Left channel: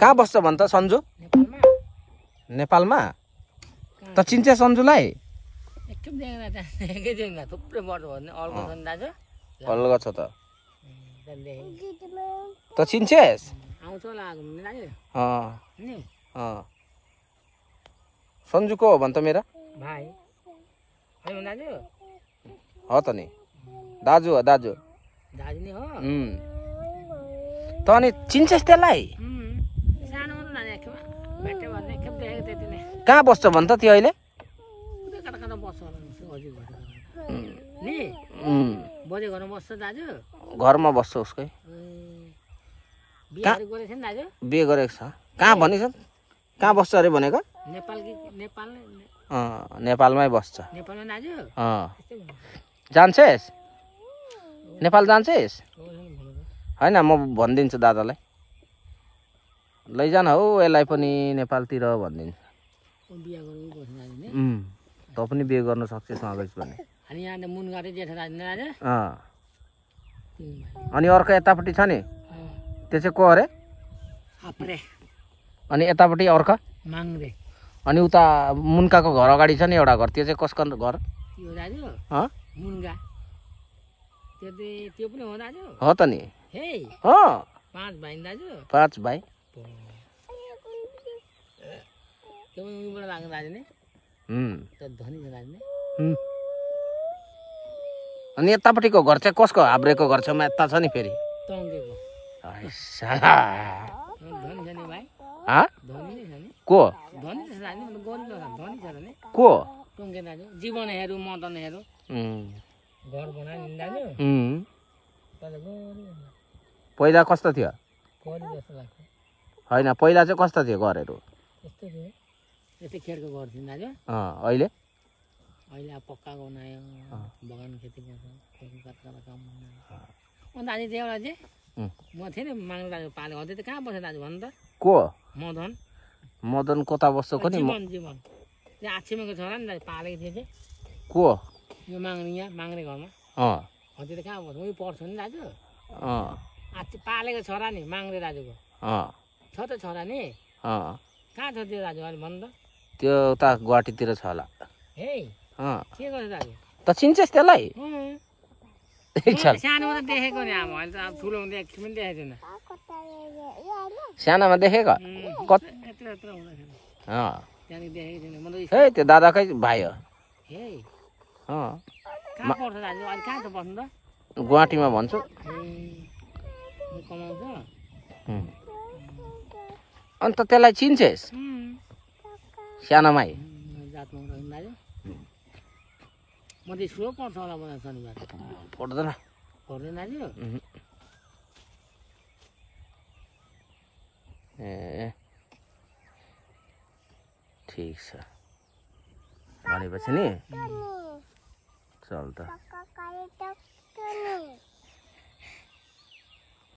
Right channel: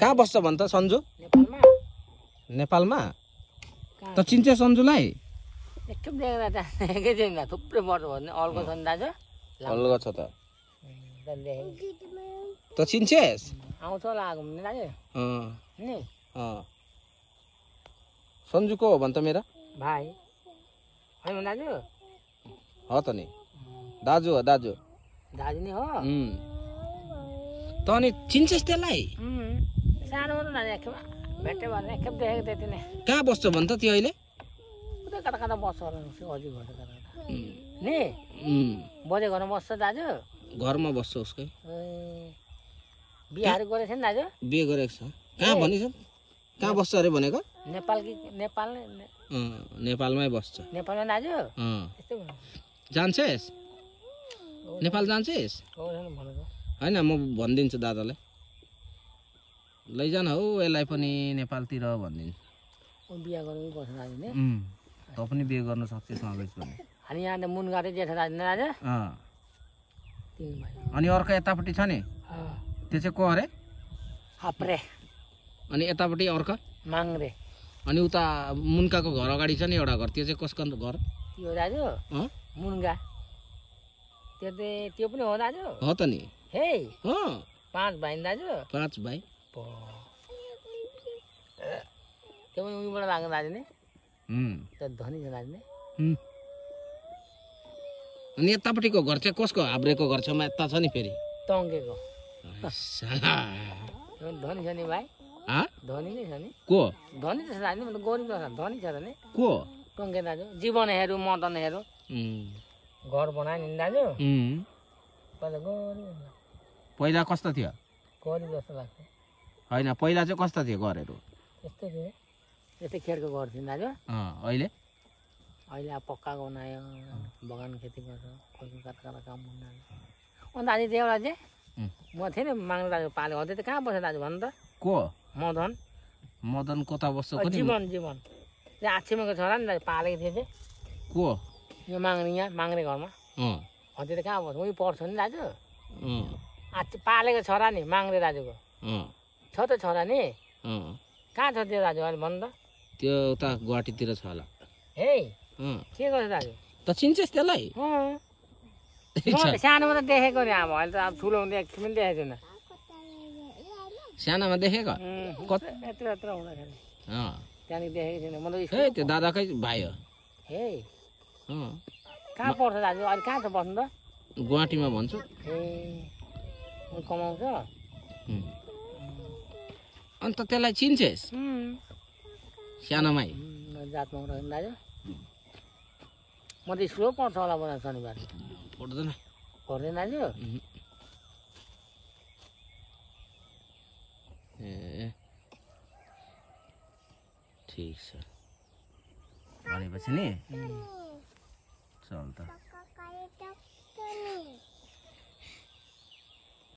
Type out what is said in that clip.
कहाँ बस्छ भन्छ सन्जु? नेपालमा। नेपालमा? त चिन्छ सन्जुलाई? एकछिन देखेर देखेकै छैन, थुप्रै वर्ष भयो नि। अल्गो छ नि दाजु? अलग छ त। त चिन्छेस? आउँछ होला घुम्ने दाजु? नि? सन्जु को हो भन्छ मेरा? भाइ। होइन दाजु? हो त नि। दाजु हो दाजु। दाजु नि हो? त अनि चिन्छेस त्यसलाई? सानो हो दाजु, एकखेप भेट्यो भने एकखेप देखेको त्यति नै। कहाँ बस्छ भन्छ त्यो अहिले? उता कता कता बस्छ होला हजुर घर कता नि? बजे घरमा बस्छ दाजु? घरमा बस्छ उसकै। बिहाहरू गरेको छ नि दाजु? बिहे गरेको छ। कहाँ भनिस्? कहाँ बस्छ अरे भनेको? नेपाल नेपालमै बस्छ। नेपालमा दाजु? जान्छेस? नेपाल जान्छेस? होइन म भनिदिन्छु दादालाई। लैजान हौ यसलाई पनि नेपालतिर भनिदिन्छु। बिहा गर्नु पर्छ दाजु नि? त पनि बिहे गर्न सक्छस् मगज भने। अनि यहाँ मुनगाटे जेठा दाजु न दाजु? अनि अर्को यतापट्टि छ नि? त्यो चाहिँ को अरे? आप्रे। अनि यतापट्टि अर्को? माङ्रे। अनि उता मुन्काको घर अगाडि छ नि एउटा घर, त्यो चाहिँ कसको घर? त्यो दाजु? मुन्गा। त्यो पनि हो दाजु? हो त नि। हे? हो। 5 भाइ दाजु? 5 भाइ। त्यो पनि उनीबाट लाग्यो दाजु नि? त्यो धनी छ दाजु नि? अनि यतापट्टिको घर चाहिँ कसको? हाब्रेको घर छेउमा यता छ नि फेरि? टङ्केको। धनी छ नि भाइ? धनी नै छ नि? को? धनी छ दाजु, गरिब धनी छ र नि? को? टङ्के दाजु। जीवन हेरौँ मदन हेरौँ। घर बनायो नि दाजु? पहिला कस्तो थियो? गरिब जस्तो लाग्छ। होइन पहिला चाहिँ कस्तो थियो घरहरू? यस्तै थियो। यस्तै खेरको घर थियो दाजु? अहिले? अहिले अब पक्का बनायो, बगान खेती गर्छ, कोही कता कता काम गर्छ। दाजु त्यो एउटा चाहिँ म थिएँ नि माग्नु दाजु पाले हो, त्यो त कहाँ बस्छ दाजु भन्नु त? को? मदन। मदन कता बस्छ को नि? जीवन त्यो आछिमाको छोरा नि दाजु पालेको थियो चाहिँ। को? यो माग्ने यहाँ माग्ने घरमा। त्यो त कहाँ बस्छ? उही पढ्छ नि दाजु? पालेको छोरा नि माग्ने दाजुको। छ त छोरा नि? कहाँ छ त्यो दाजु अहिले भन्नु त? त्यो उता गुवाहाटीतिर छ होला। हे? के गर्छ दाजु? त चिन्छेस् त्यसलाई? सानोमा त देखेको नि, अब अहिले त अब ठुलो हुँदै पनि देखेको छैन। सानामा देखेको? यत्रो यत्रो हुँदाखेरि त्यहाँदेखि देखेको छैन। म त हे त्यो दादाकै भाइ हो। हे? कहाँ पर्छ दाजु? अहिले कहाँ छ बस्नु त? गुवाहाटीमा भन्छु। कमाउँछ? अन्त त्यसलाई चिन्छेस्? सानोमै? जातमा रहेन दाजु? म त स्कुल पढ्छ होला बना शनिबार। पढ्दैन। पढ्दैन दाजु? ए ठिक छ भनेपछि नि चल त।